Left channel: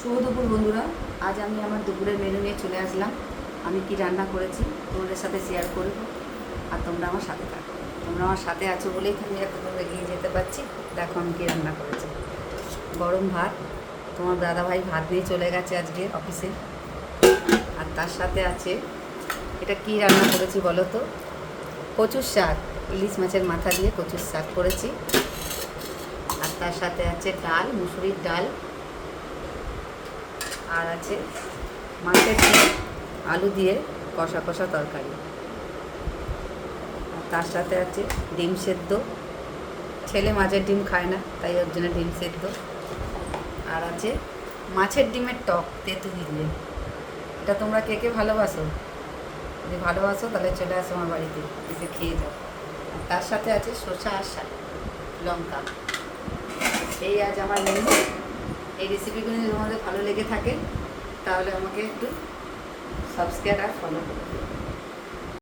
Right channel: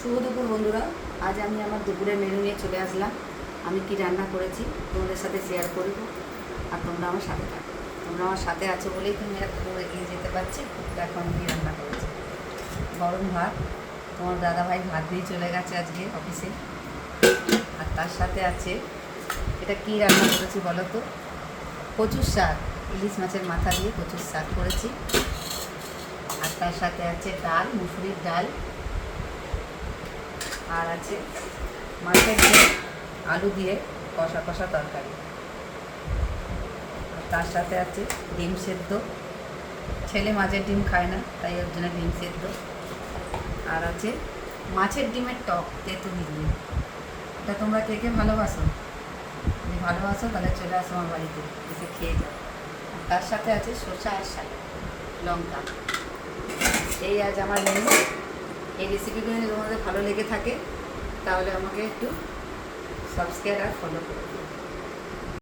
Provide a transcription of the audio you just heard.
শুভ দুপুর বন্ধুরা। আজ আমি আমার দুপুরের মেনু নিয়ে চলে আসলাম। আমি কি রান্না করেছি তোমাদের সাথে শেয়ার করব, আর তোমরা আমার সাথে থাকো। তোমরা আমার সাথে আছো বলেই তুমি এত দূর এগিয়ে যেতে পারছি। দেখো আমি কী রান্না করেছি। গরম ভাত, তোমার দাদাভাই ভাত দিয়ে চলে গেছে আজকে অফিসে। আর তার সাথে আছে, এটা কি রান্না করেছি বলো তো? কচুর শাক, ইলিশ মাছের মাথা দিয়ে কচুর শাক করেছি। আর তার সাথে আছে ডাল, মুসুরির ডাল। আর আছে মাছের ঝোল, আলু দিয়ে কষা কষা তরকারি। আর তার সাথে আছে ডিম সেদ্ধ। ছেলে মাছের ডিম খায় না, তাই ওর জন্য ডিম সেদ্ধ। আর আছে মাছের ডিমের টক তেঁতুলি দিয়ে। এটা তোমরা কে কে ভালোবাসো? যদি ভালোবাসো তাহলে চলে আসো আমার বাড়িতে, এসে খেয়ে যাও। আর তার সাথে আছে শসা আর শাক, লঙ্কা। এই আজ আমার মেনু। এই রেসিপিগুলো যদি তোমাদের ভালো লেগে থাকে তাহলে আমাকে একটু সাবস্ক্রাইব আর ফলো করে দিও।